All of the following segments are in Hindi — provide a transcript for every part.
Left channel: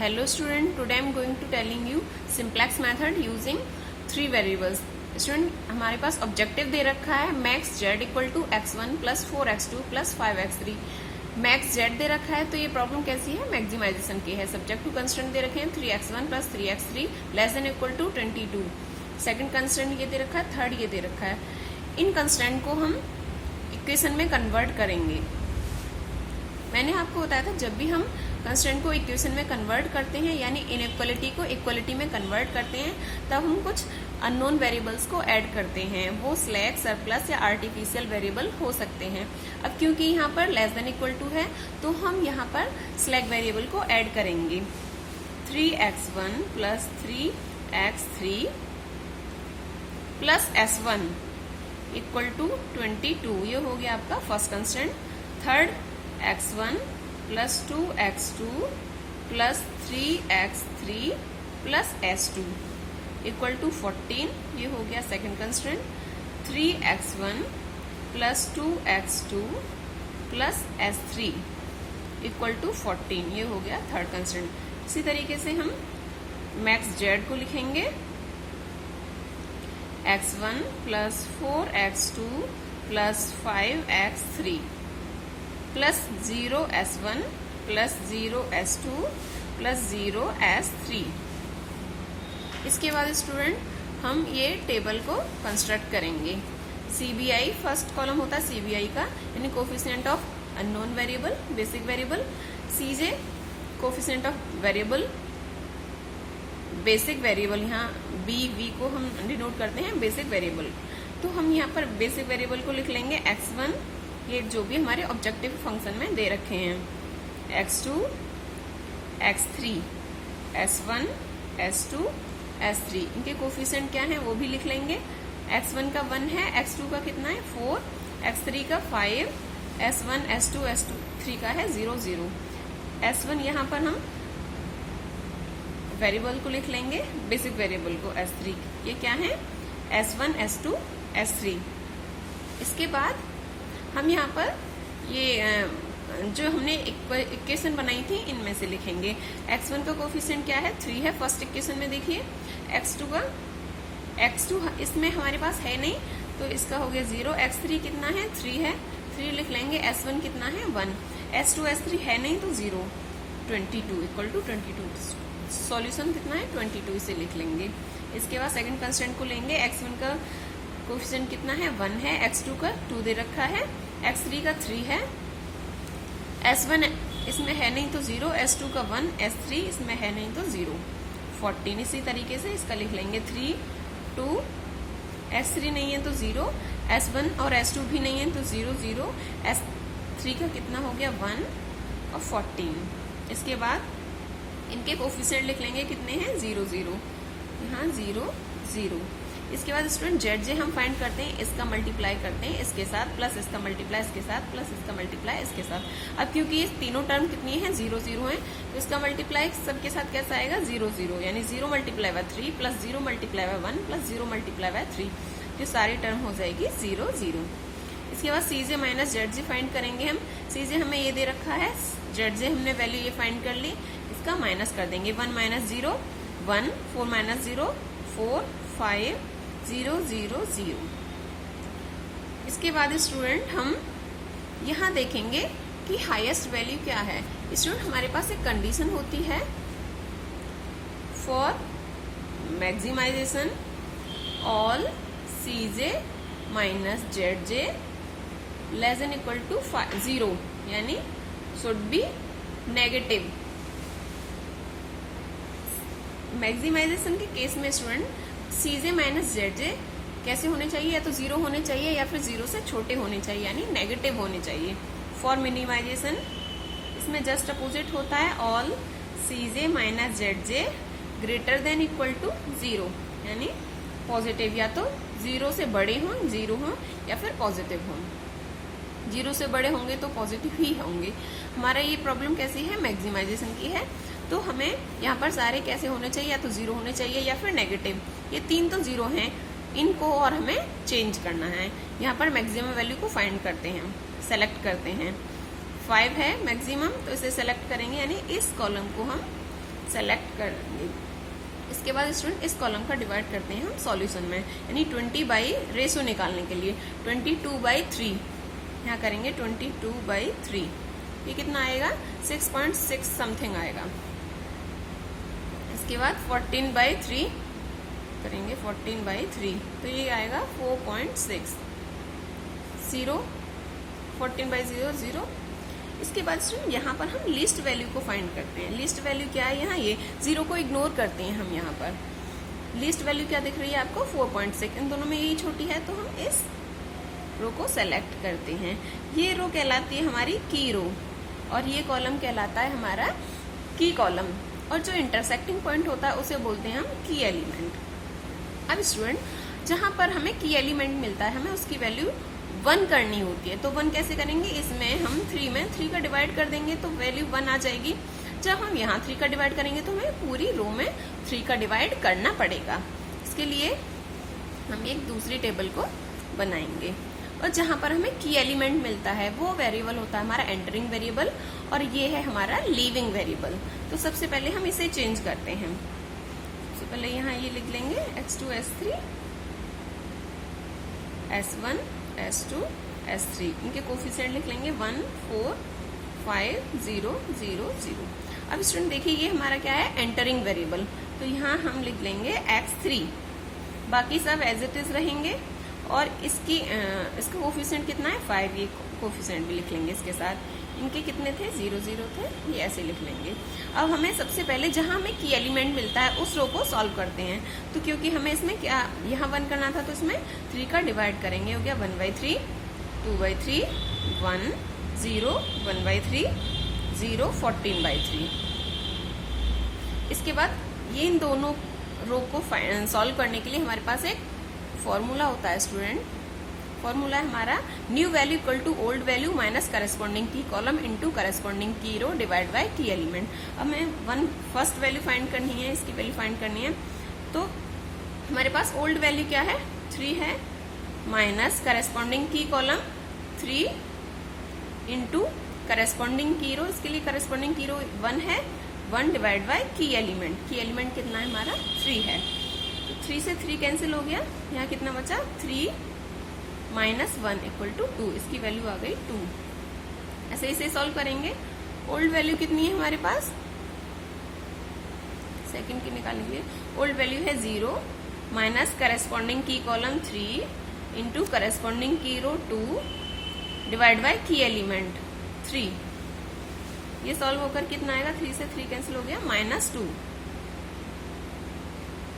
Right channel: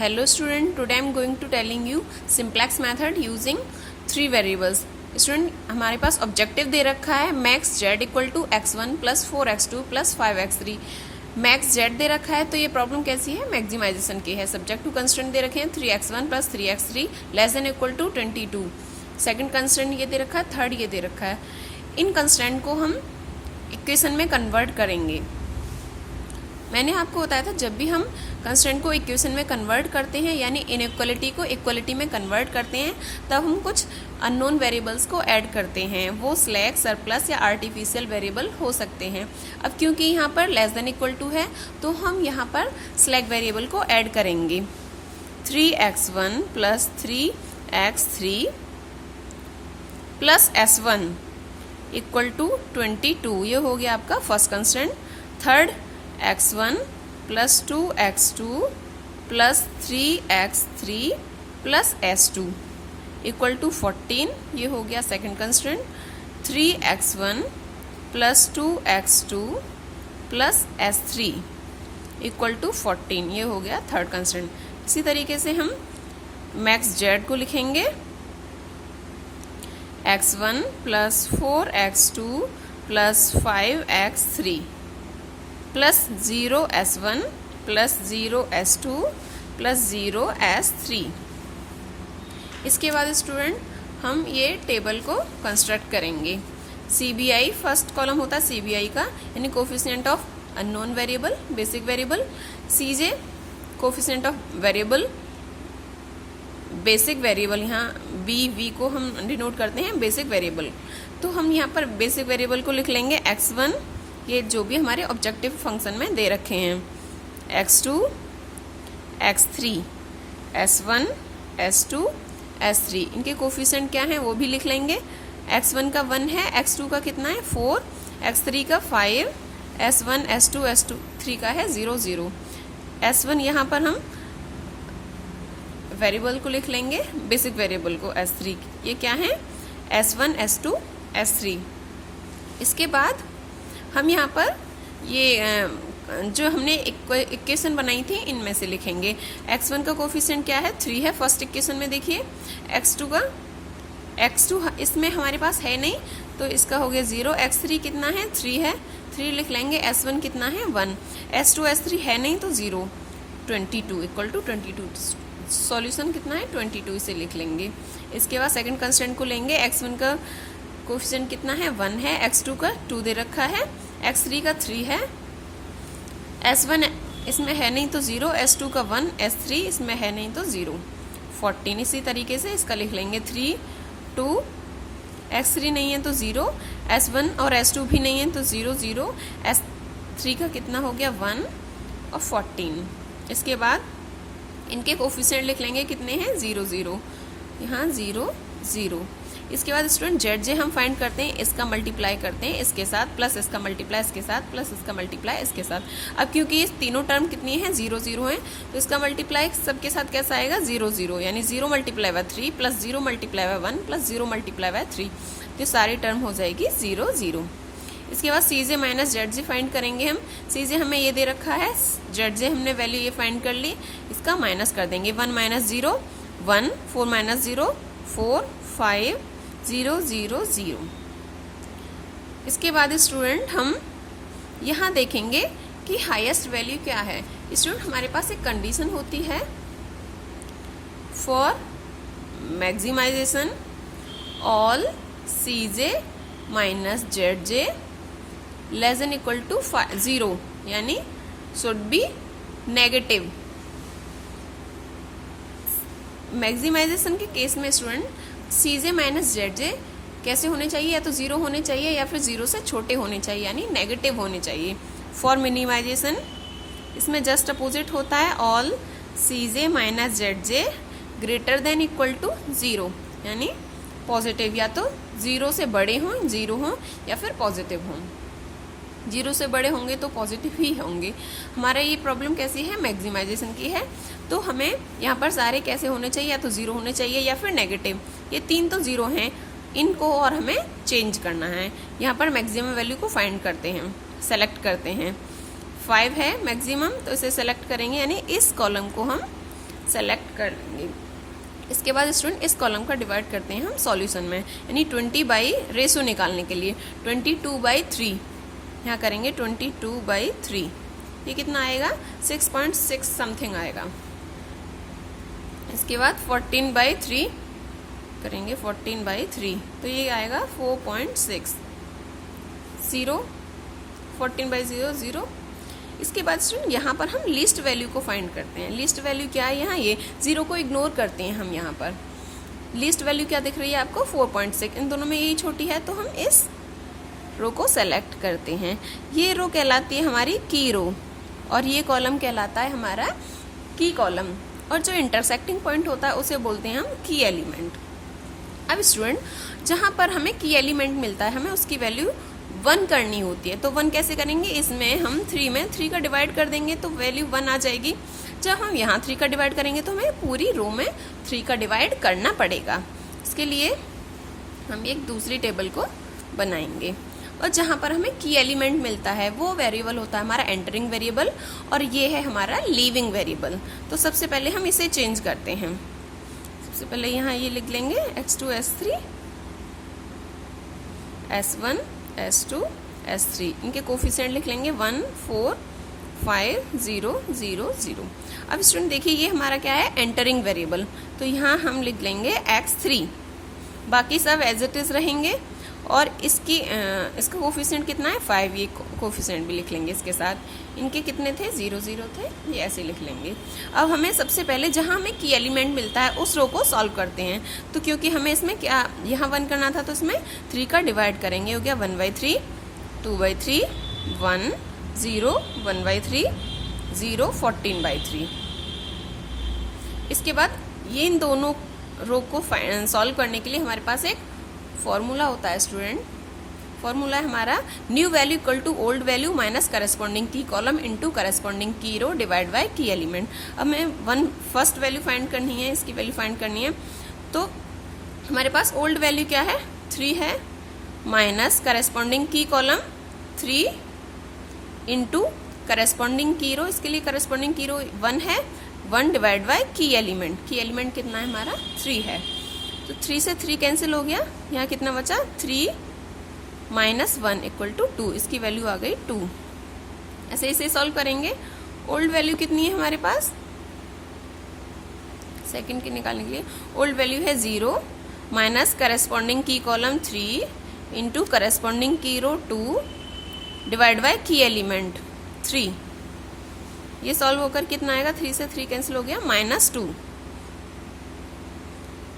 Hello student, today I am going to telling you simplex method using 3 variables. Student हमारे पास ऑब्जेक्टिव दे रखा है max Z equal to x1 plus 4x2 plus 5x3. Max Z दे रखा है तो ये प्रॉब्लम कैसी है, मैक्सिमाइजेशन की है. सब्जेक्ट टू कंस्टेंट दे रखे हैं 3x1 plus 3x3 less than equal to 22. Second constant ये दे रखा है, थर्ड ये दे रखा है. इन कंस्टेंट को हम इक्वेशन में कन्वर्ट करेंगे. मैंने आपको बताया था जब भी हम कंस्टेंट को इक्वेशन में कन्वर्ट करते हैं यानी इनइक्वालिटी को इक्वालिटी में कन्वर्ट करते हैं तब हम कुछ अननोन वेरिएबल्स को ऐड करते हैं. वो स्लैक, सरप्लस या आर्टिफिशियल वेरिएबल हो सकते हैं. अब क्योंकि यहाँ पर लेस देन इक्वल टू है तो हम यहाँ पर स्लैक वेरिएबल को ऐड करेंगे. 3x1 plus 3x3 plus s1 equal to 22. ये हो गया आपका first constant. Third x1 plus 2x2 plus 3x3 plus s2 equal to 14. ये हो गया second constant. 3x1 plus 2x2 plus s3 equal to 14. ये हो गया थर्ड कंस्टेंट. इसी तरीके से हम मैक्स जेड को लिखेंगे x1 plus 4x2 plus 5x3 plus 0s1 plus 0s2 plus 0s3. इसके बाद स्टूडेंट हम ये टेबल को कंस्ट्रक्ट करेंगे. CBI फर्स्ट कॉलम होता है CBI का यानी coefficient of unknown variable, basic variable. CJ coefficient of variable, basic variable. यहाँ BV को हम डिनोट करते हैं बेसिक वेरिएबल. तो हम यहाँ पर बेसिक वेरिएबल को लिख लेंगे x1, ये जो भी हमारे ऑब्जेक्टिव फंक्शन में दे रखे हैं, x2, x3, s1, s2, s3. इनके कोफिशिएंट क्या है वो भी लिख लेंगे. x1 का 1 है, x2 का कितना है 4, x3 का 5, s1, s2, s3 का है 0, 0. s1 यहाँ पर हम वेरिएबल को लिख लेंगे, बेसिक वेरिएबल को s3. ये क्या है s1, s2, s3. इसके बाद हम यहाँ पर ये जो हमने इक्वेशन बनाई थी इनमें से लिखेंगे. x1 का कोफिशिएंट क्या है 3 है फर्स्ट इक्वेशन में. देखिए x2 का, x2 इसमें हमारे पास है नहीं तो इसका हो गया 0. x3 कितना है 3 है, 3 लिख लेंगे. s1 कितना है 1, s2 s3 है नहीं तो 0, 22 इक्वल टू 22. सॉल्यूशन कितना है 22, इसे लिख लेंगे. इसके बाद सेकंड कंस्टेंट को लेंगे. x1 का कोफिशिएंट कितना है 1 है, x2 का 2 दे रखा है, x3 का 3 है, s1 इसमें है नहीं तो 0, s2 का 1, s3 इसमें है नहीं तो 0, 14. इसी तरीके से इसका लिख लेंगे 3, 2, x3 नहीं है तो 0, s1 और s2 भी नहीं है तो 0, 0, s3 का कितना हो गया 1 और 14. इसके बाद इनके कोफिशिएंट लिख लेंगे कितने हैं 0, 0, यहाँ 0, 0. इसके बाद स्टूडेंट जेड जे हम फाइंड करते हैं, इसका मल्टीप्लाई करते हैं इसके साथ, प्लस इसका मल्टीप्लाई इसके साथ, प्लस इसका मल्टीप्लाई इसके साथ. अब क्योंकि ये तीनों टर्म कितनी है 0, 0 है तो इसका मल्टीप्लाई सबके साथ कैसा आएगा 0, 0 यानी 0 multiply by 3 plus 0 multiply by 1 plus 0 multiply by 3. तो सारी टर्म हो जाएगी 0, 0. इसके बाद CJ minus Z J find करेंगे हम. CJ हमें ये दे रखा है, जेड जे हमने वैल्यू ये फाइंड कर ली, इसका माइनस कर देंगे. 1 माइनस 0 1, 4 माइनस 0 4, 5, 0, 0, 0. इसके बाद स्टूडेंट हम यहाँ देखेंगे कि हाईएस्ट वैल्यू क्या है. स्टूडेंट हमारे पास एक कंडीशन होती है for maximization all CJ minus ZJ less than equal to 0 यानी शुड बी नेगेटिव. मैक्सिमाइजेशन के केस में स्टूडेंट CJ माइनस ZJ कैसे होने चाहिए, या तो 0 होने चाहिए या फिर 0 से छोटे होने चाहिए यानी नेगेटिव होने चाहिए. फॉर मिनिमाइजेशन इसमें जस्ट अपोजिट होता है, all CJ minus ZJ greater than equal to 0 यानी पॉजिटिव, या तो 0 से बड़े हों 0 हों या फिर पॉजिटिव हों. 0 से बड़े होंगे तो पॉजिटिव ही होंगे. हमारा ये प्रॉब्लम कैसी है मैक्सिमाइजेशन की है. तो हमें यहाँ पर सारे कैसे होने चाहिए, या तो 0 होने चाहिए या फिर नेगेटिव. ये 3 तो 0 हैं, इनको और हमें चेंज करना है. यहाँ पर मैक्सिमम वैल्यू को फाइंड करते हैं, सेलेक्ट करते हैं. 5 है मैक्सिमम तो इसे सेलेक्ट करेंगे यानी इस कॉलम को हम सेलेक्ट कर लेंगे। इसके बाद स्टूडेंट इस कॉलम का डिवाइड करते हैं हम सॉल्यूशन में, यानी 20 बाई रेशो निकालने के लिए 22/3 यहाँ करेंगे 22/3। ये कितना आएगा 6.6 समथिंग आएगा। इसके बाद 14/3 करेंगे 14/3 तो ये आएगा 4.6 0 14/0 0। इसके बाद स्टूडेंट यहाँ पर हम लीस्ट वैल्यू को फाइंड करते हैं। लीस्ट वैल्यू क्या है, यहाँ ये 0 को इग्नोर करते हैं हम। यहाँ पर लीस्ट वैल्यू क्या दिख रही है आपको 4.6, इन दोनों में यही छोटी है तो हम इस रो को सेलेक्ट करते हैं। ये रो कहलाती है हमारी की रो और ये कॉलम कहलाता है हमारा की कॉलम, और जो इंटरसेक्टिंग पॉइंट होता है उसे बोलते हैं हम की एलिमेंट। अब स्टूडेंट जहाँ पर हमें की एलिमेंट मिलता है हमें उसकी वैल्यू 1 करनी होती है, तो 1 कैसे करेंगे, इसमें हम 3 में 3 का डिवाइड कर देंगे तो वैल्यू 1 आ जाएगी। जब हम यहाँ 3 का डिवाइड करेंगे तो हमें पूरी रो में 3 का डिवाइड करना पड़ेगा। इसके लिए हम एक दूसरी टेबल को बनाएंगे और जहाँ पर हमें की एलिमेंट मिलता है वो वेरिएबल होता है हमारा एंटरिंग वेरिएबल और ये है हमारा लीविंग वेरिएबल। तो सबसे पहले हम इसे चेंज करते हैं। सबसे पहले यहाँ ये लिख लेंगे x2 s3 s1 s2 s3, इनके कोफिशिएंट लिख लेंगे 1 4 5 0 0 0। अब स्टूडेंट देखिए ये हमारा क्या है एंटरिंग वेरिएबल, तो यहाँ हम लिख लेंगे x3, बाकी सब एज इट इज रहेंगे और इसका कोफिशिएंट कितना है 5, ये कोफिशिएंट भी लिख लेंगे इसके साथ। इनके कितने थे 0 0 थे, ये ऐसे लिख लेंगे। अब हमें सबसे पहले जहाँ हमें की एलिमेंट मिलता है उस रो को सॉल्व करते हैं। तो क्योंकि हमें इसमें क्या यहाँ 1 करना था तो इसमें 3 का डिवाइड करेंगे, हो गया 1/3 2/3 1 0 1/3 0 14/3। इसके बाद ये इन दोनों रो को सॉल्व करने के लिए हमारे पास एक फॉर्मूला होता है स्टूडेंट। फॉर्मूला है हमारा new value equal to old value minus corresponding key column into corresponding key row divide by key element. अब हमें फर्स्ट वैल्यू फाइंड करनी है, इसकी वैल्यू फाइंड करनी है। तो हमारे पास ओल्ड वैल्यू क्या है 3 है, minus corresponding key column 3 into corresponding key रो, इसके लिए करस्पॉन्डिंग की रो 1 है, 1 डिवाइड बाय की एलिमेंट। की एलिमेंट कितना है हमारा 3 है, तो 3 से 3 कैंसिल हो गया, यहाँ कितना बचा 3 माइनस 1 इक्वल टू 2, इसकी वैल्यू आ गई 2। ऐसे इसे सॉल्व करेंगे। ओल्ड वैल्यू कितनी है हमारे पास, सेकंड की निकालने के लिए ओल्ड वैल्यू है 0 minus corresponding key column 3 into corresponding key row 2 divide by key element 3। ये सॉल्व होकर कितना आएगा, 3 से 3 कैंसिल हो गया -2,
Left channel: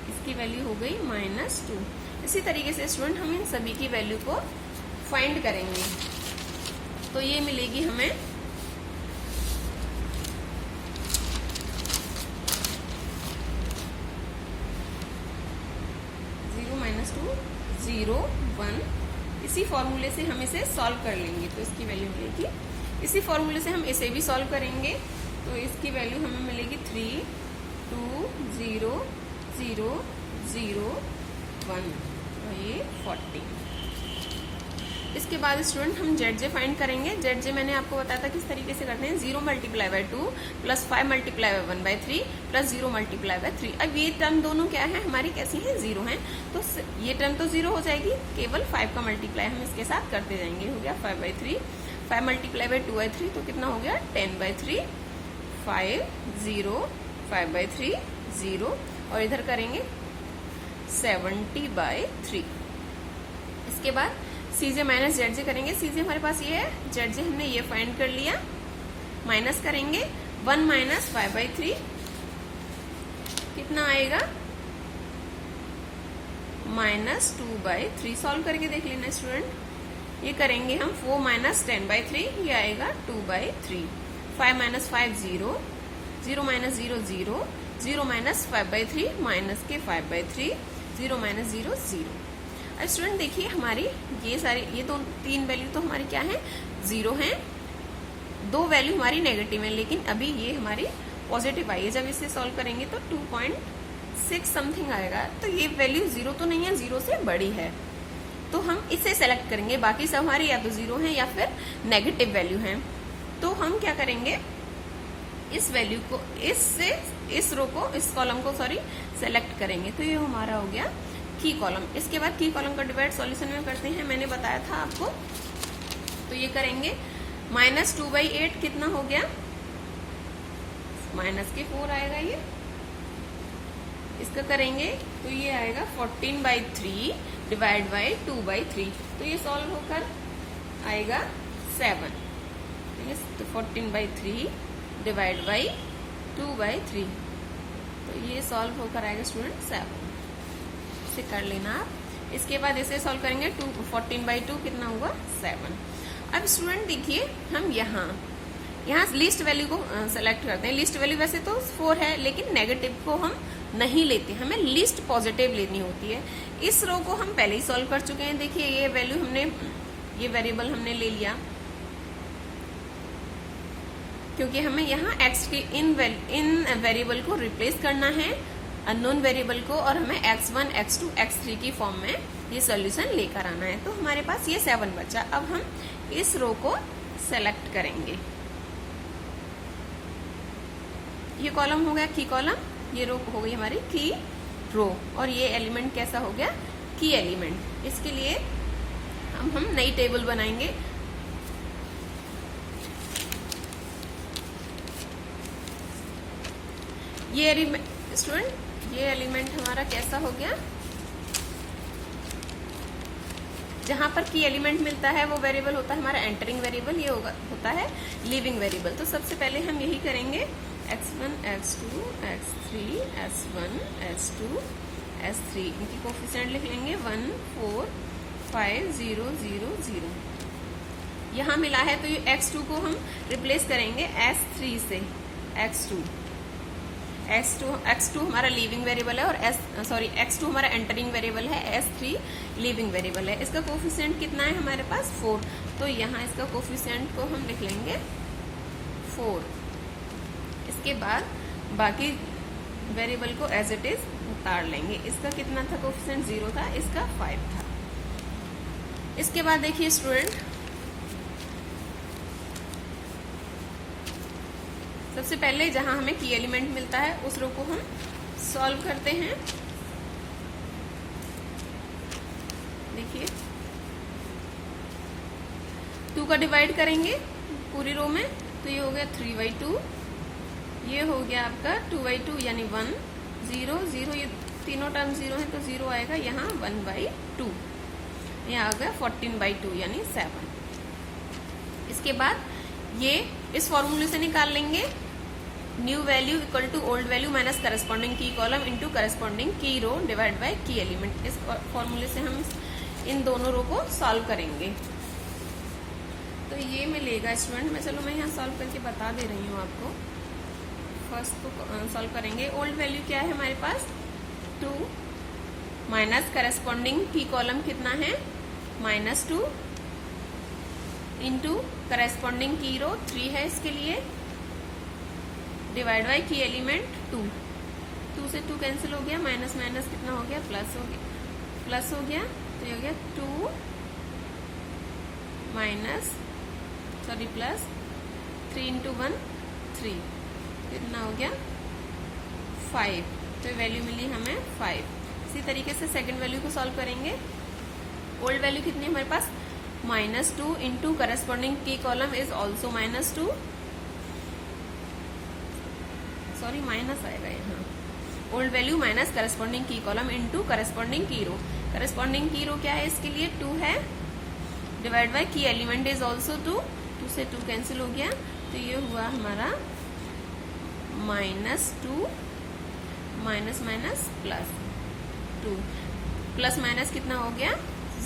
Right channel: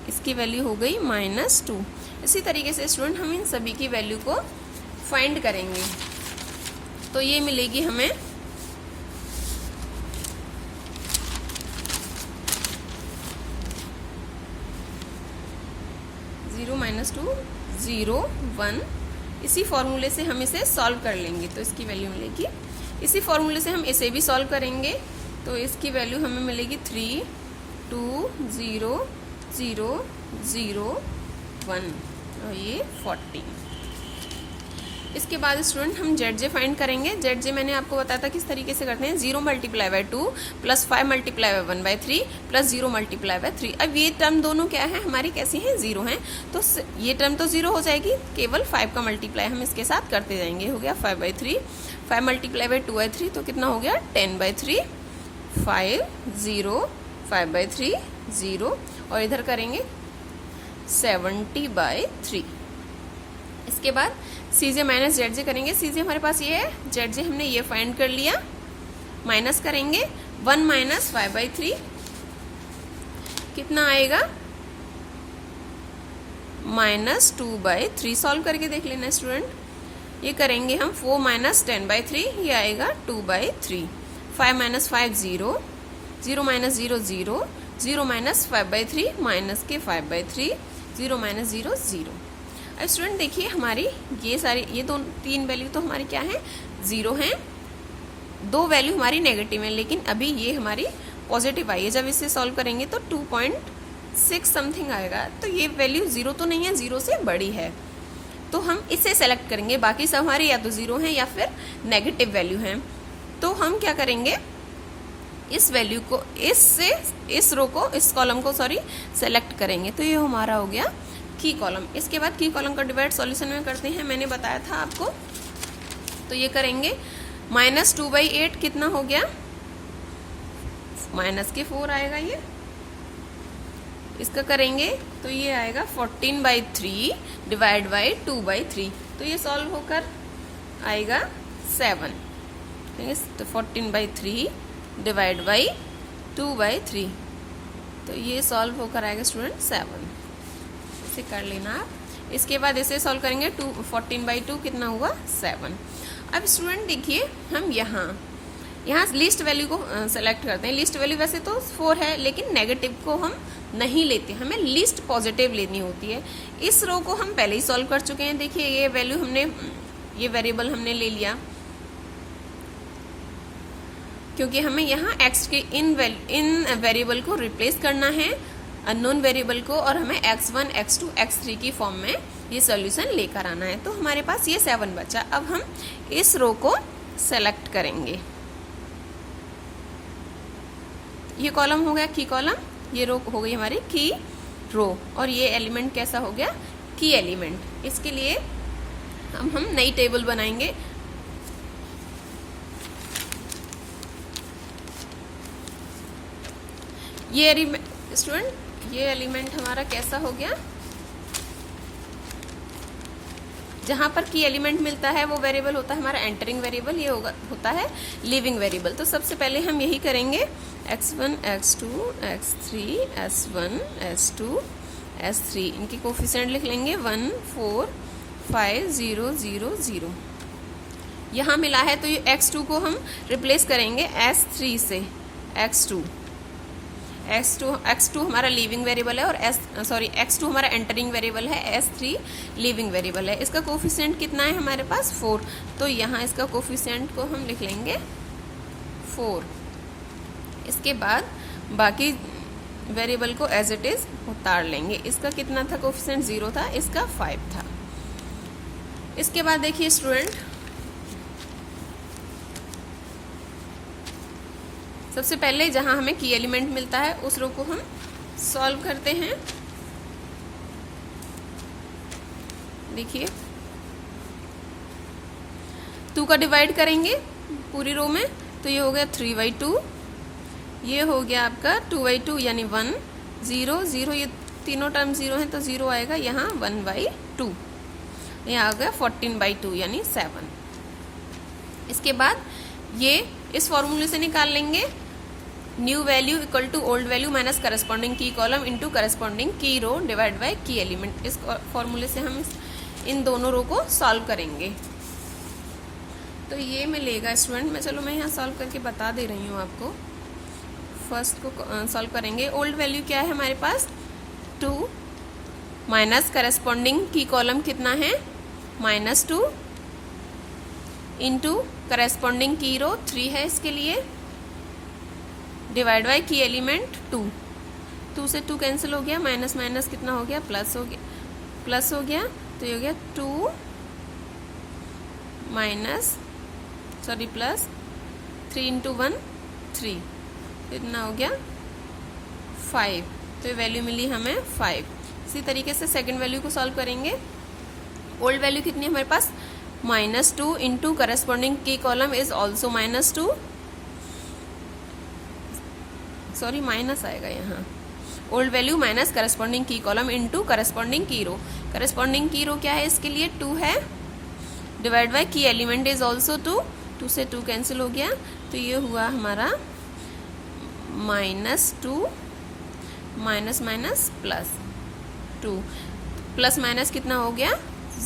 इसकी वैल्यू हो गई -2। इसी तरीके से स्टूडेंट हम इन सभी की वैल्यू को फाइंड करेंगे तो ये मिलेगी हमें 0 -2 0 1। इसी फॉर्मूले से हम इसे सॉल्व कर लेंगे तो इसकी वैल्यू मिलेगी। इसी फॉर्मूले से हम इसे भी सॉल्व करेंगे तो इसकी वैल्यू हमें मिलेगी 3 2 0 0 0 1 और ये 40। इसके बाद स्टूडेंट हम ZJ फाइंड करेंगे। ZJ मैंने आपको बताया था किस तरीके से करते हैं, 0 × 2 प्लस 5 × 1/3 प्लस 0 × 3। अब ये टर्म दोनों क्या है हमारी, कैसी हैं 0 हैं, तो ये टर्म तो 0 हो जाएगी, केवल 5 का मल्टीप्लाई हम इसके साथ करते जाएंगे। हो गया 5/3, 5 × 2/3 तो कितना हो गया 10/3 5 0 5/3 0 और इधर करेंगे 70/3। इसके बाद CJ माइनस ZJ करेंगे। CJ हमारे पास ये है, ZJ हमने ये फाइंड कर लिया, माइनस करेंगे 1 - 5/3 कितना आएगा -2/3। सॉल्व करके देख लेना स्टूडेंट। ये करेंगे हम 4 - 10/3, ये आएगा 2/3। 5 - 5 0 0 - 0 0 0 - 5/3 माइनस के 5/3 0 - 0 0। अब स्टूडेंट देखिए हमारी ये सारी ये 3 वैल्यू तो हमारी क्या है 0 हैं, 2 वैल्यू हमारी नेगेटिव है, लेकिन अभी ये हमारी पॉजिटिव आई है। जब इसे सॉल्व करेंगे तो 2.6 समथिंग आएगा, तो ये वैल्यू 0 तो नहीं है, 0 से बड़ी है, तो हम इसे सेलेक्ट करेंगे। बाकी सब हमारे या तो 0 हैं या फिर नेगेटिव वैल्यू हैं। तो हम क्या करेंगे, इस वैल्यू को इस रो को, इस कॉलम को सॉरी सेलेक्ट करेंगे। तो ये हमारा हो गया की कॉलम। इसके बाद की कॉलम का डिवाइड सॉल्यूशन में करते हैं, मैंने बताया था आपको। तो ये करेंगे -2/8 कितना हो गया, -4 आएगा ये। इसका करेंगे तो ये आएगा 14/3 डिवाइड बाई 2/3। तो ये सॉल्व होकर आएगा 7। तो 14/3 डिवाइड बाई 2/3, तो ये सॉल्व होकर आएगा स्टूडेंट 7। इसे कर लेना आप। इसके बाद इसे सॉल्व करेंगे 14/2 कितना हुआ 7। अब स्टूडेंट देखिए हम यहाँ लिस्ट वैल्यू को सेलेक्ट करते हैं। लिस्ट वैल्यू वैसे तो 4 है, लेकिन नेगेटिव को हम नहीं लेते, हमें लिस्ट पॉजिटिव लेनी होती है। इस रो को हम पहले ही सॉल्व कर चुके हैं। देखिए ये वैल्यू ये वेरिएबल हमने ले लिया, क्योंकि हमें यहाँ x के इन वेरिएबल को रिप्लेस करना है अननोन वेरिएबल को, और हमें x1, x2, x3 की फॉर्म में ये सॉल्यूशन लेकर आना है। तो हमारे पास ये 7 बचा। अब हम इस रो को सेलेक्ट करेंगे। ये कॉलम हो गया की कॉलम, ये रो हो गई हमारी की रो, और ये एलिमेंट कैसा हो गया की एलिमेंट। इसके लिए हम नई टेबल बनाएंगे। ये स्टूडेंट ये एलिमेंट हमारा कैसा हो गया, जहां पर की एलिमेंट मिलता है वो वेरिएबल होता है हमारा एंटरिंग वेरिएबल, ये होता है लीविंग वेरिएबल। तो सबसे पहले हम यही करेंगे, x1, x2, x3, s1, s2, s3 इनके कोफिशिएंट लिख लेंगे 1, 4, 5, 0, 0, 0। यहाँ मिला है तो ये x2 को हम रिप्लेस करेंगे s3 से। x2 हमारा लीविंग वेरिएबल है, और x2 हमारा एंटरिंग वेरिएबल है, s3 लीविंग वेरिएबल है। इसका कोफिशिएंट कितना है हमारे पास 4, तो यहाँ इसका कोफिशिएंट को हम लिख लेंगे 4। इसके बाद बाकी वेरिएबल को एज इट इज उतार लेंगे। इसका कितना था कोफिशिएंट 0 था, इसका 5 था। इसके बाद देखिए स्टूडेंट, सबसे पहले जहां हमें की एलिमेंट मिलता है उस रो को हम सॉल्व करते हैं। देखिए 2 का डिवाइड करेंगे पूरी रो में, तो ये हो गया 3/2, ये हो गया आपका 2/2 यानी 1, 0, 0, ये तीनों टर्म 0 है तो 0 आएगा यहाँ 1/2, ये आ गया 14/2 यानी 7। इसके बाद ये इस फॉर्मूले से निकाल लेंगे, new value equal to old value minus corresponding key column into corresponding key row divide by key element. इस फॉर्मूले से हम इन दोनों रो को सॉल्व करेंगे। तो ये मिलेगा स्टूडेंट, मैं यहाँ सॉल्व करके बता दे रही हूँ आपको। फर्स्ट को सॉल्व करेंगे, ओल्ड वैल्यू क्या है हमारे पास 2 माइनस करस्पॉन्डिंग की कॉलम कितना है -2 इंटू करस्पॉन्डिंग की रो 3 है इसके लिए, डिवाइड बाय की एलिमेंट 2 से 2 कैंसिल हो गया, माइनस माइनस कितना हो गया प्लस हो गया, तो ये हो गया 2 माइनस प्लस 3 इंटू 1 3, कितना हो गया 5, तो ये वैल्यू मिली हमें 5। इसी तरीके से सेकंड वैल्यू को सॉल्व करेंगे। ओल्ड वैल्यू कितनी है हमारे पास -2 into corresponding key column is also -2, sorry minus आएगा यहाँ, old value minus corresponding key column into corresponding key रो। करस्पॉन्डिंग की रो क्या है इसके लिए 2 है, divide by key element is also 2 से 2 कैंसिल हो गया, तो ये हुआ हमारा -2 माइनस माइनस +2, प्लस माइनस कितना हो गया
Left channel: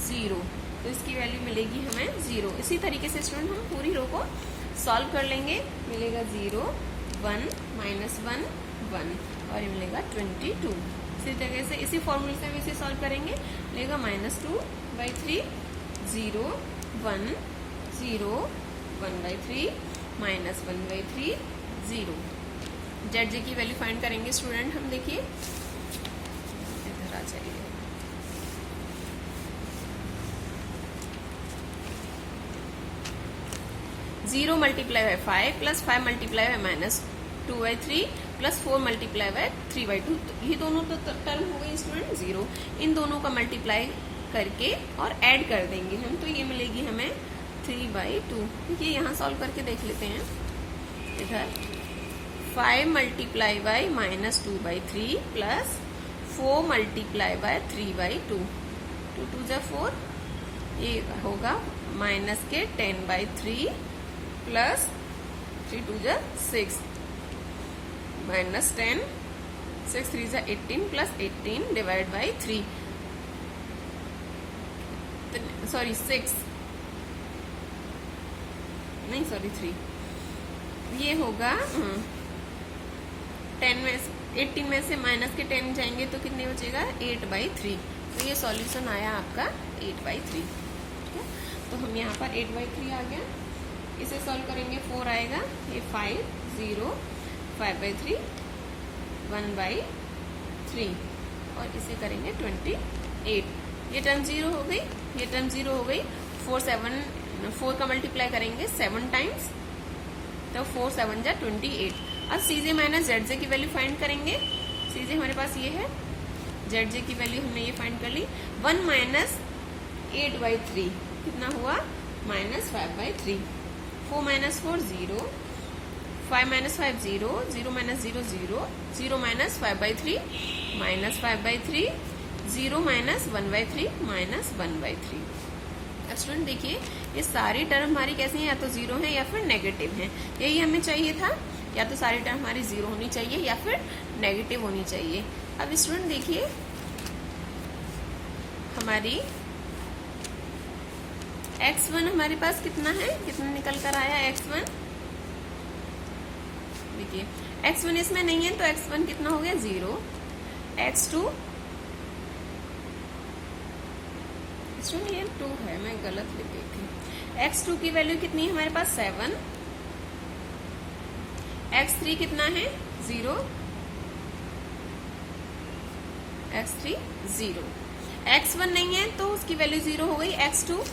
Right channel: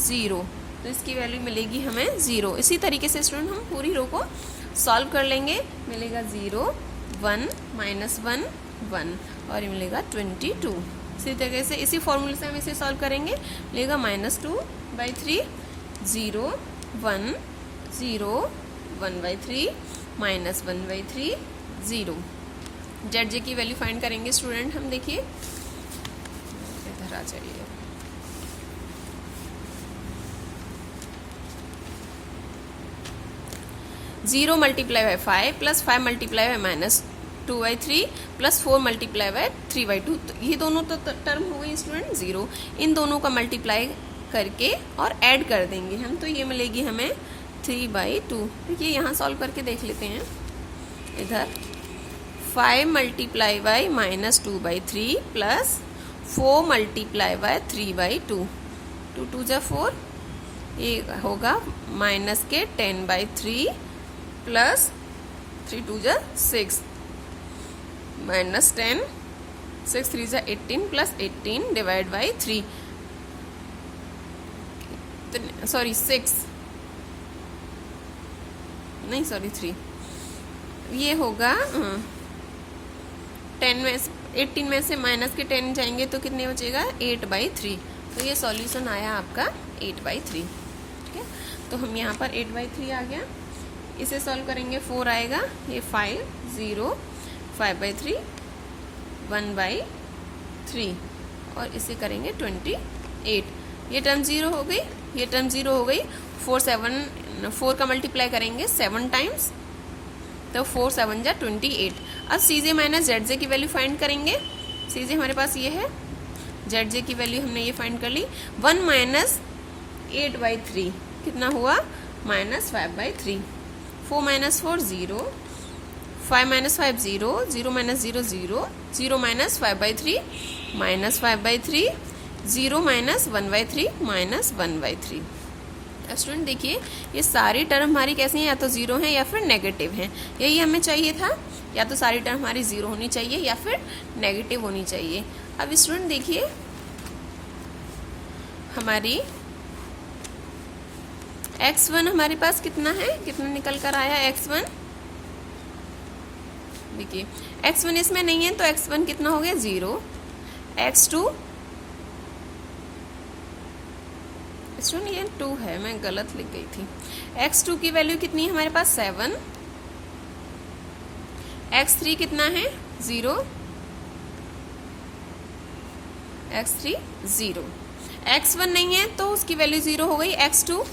0, तो इसकी वैल्यू मिलेगी हमें 0। इसी तरीके से स्टूडेंट हम पूरी रो को सॉल्व कर लेंगे, मिलेगा 0, 1, -1, 1 और ये मिलेगा 22। इसी तरीके से इसी फॉर्मूले से हम इसे सॉल्व करेंगे, मिलेगा -2/3, 0, 1, 0, 1/3, -1/3, 0। ZJ की वैल्यू फाइंड करेंगे स्टूडेंट हम। देखिए इधर आ जाइए, जीरो × 5 + 5 × -2 2/3 प्लस 4 मल्टीप्लाई बाय 3/2। तो ये दोनों तो टर्म हो गई स्टूडेंट 0। इन दोनों का मल्टीप्लाई करके और ऐड कर देंगे हम, तो ये मिलेगी हमें 3/2। ये यहाँ सॉल्व करके देख लेते हैं। इधर 5 multiply by -2/3 plus 4 multiply by 3/2, 2 2 जा 4, ये होगा माइनस के 10/3 प्लस 3 2 जा 6 माइनस 10, 6 3 जा 18 प्लस 18 डिवाइड बाई 3, सॉरी 6 नहीं सॉरी 3, ये होगा 10 में 18 में से माइनस के 10 जाएंगे तो कितने बचेगा 8/3। तो ये सॉल्यूशन आया आपका 8/3। ठीक है, तो हम यहाँ पर 8/3 आ गया। इसे सॉल्व करेंगे 4 आएगा, ये 5 0 5/3 1/3 और इसे करेंगे 28। ये टर्म 0 हो गई, ये टर्म 0 हो गई। 4 का मल्टीप्लाई करेंगे 7 टाइम्स, तो 4 7 जा 28। अब CJ माइनस ZJ की वैल्यू फाइंड करेंगे। CJ हमारे पास ये है, ZJ की वैल्यू हमने ये फाइंड कर ली। 1 माइनस 8/3 कितना हुआ -5/3। 4 minus 4 0, 5 minus 5 0, 0 minus 0 0, 0 minus 5/3 -5/3, 0 minus 1/3 -1/3। Student देखिए, ये सारी टर्म हमारी कैसी हैं, या तो 0 हैं या फिर नेगेटिव हैं। यही हमें चाहिए था, या तो सारी टर्म हमारी 0 होनी चाहिए या फिर नेगेटिव होनी चाहिए। अब स्टूडेंट देखिए, हमारी x1 हमारे पास कितना है, कितना निकल कर आया x1। देखिए x1 इसमें नहीं है तो x1 कितना हो गया 0। x2 ये 2 है, मैं गलत लिख गई थी। x2 की वैल्यू कितनी है हमारे पास 7। x3 कितना है 0, x3 0। x1 नहीं है तो उसकी वैल्यू 0 हो गई। x2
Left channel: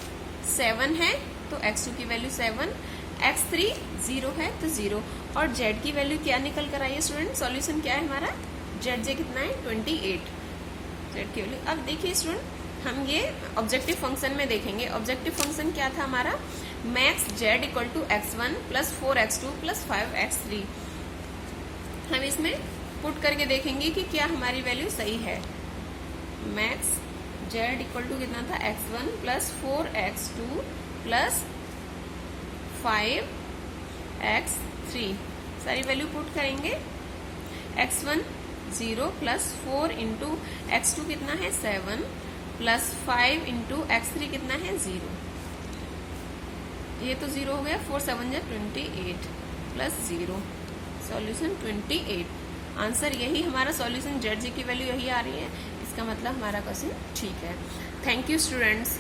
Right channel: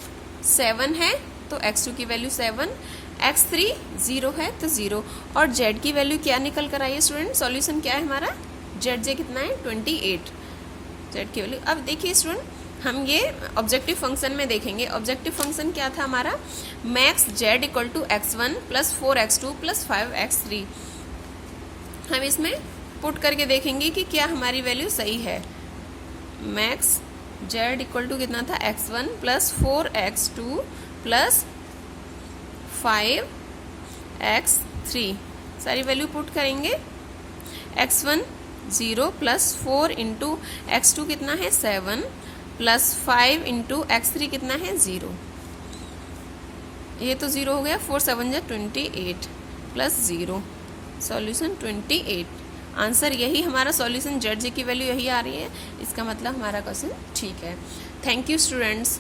7 है तो x2 की वैल्यू 7, x3 0 है तो 0। और z की वैल्यू क्या निकल कर आई है स्टूडेंट, सॉल्यूशन क्या है हमारा, zj कितना है 28, z की वैल्यू। अब देखिए स्टूडेंट, हम ये ऑब्जेक्टिव फंक्शन में देखेंगे। ऑब्जेक्टिव फंक्शन क्या था हमारा, max z equal to x1 plus 4x2 plus 5x3। हम इसमें पुट करके देखेंगे कि क्या हमारी वैल्यू सही है। मैक्स z इक्वल टू कितना था x1 plus 4x2 plus 5x3, सारी वैल्यू पुट करेंगे। x1 0 प्लस 4 इंटू x2 कितना है 7 प्लस 5 इंटू x3 कितना है 0। ये तो 0 हो गया, 4 7 जा 28 प्लस 0, सॉल्यूशन 28। आंसर यही हमारा सॉल्यूशन, ZJ की वैल्यू यही आ रही है। इसका मतलब हमारा क्वेश्चन ठीक है। Thank you students.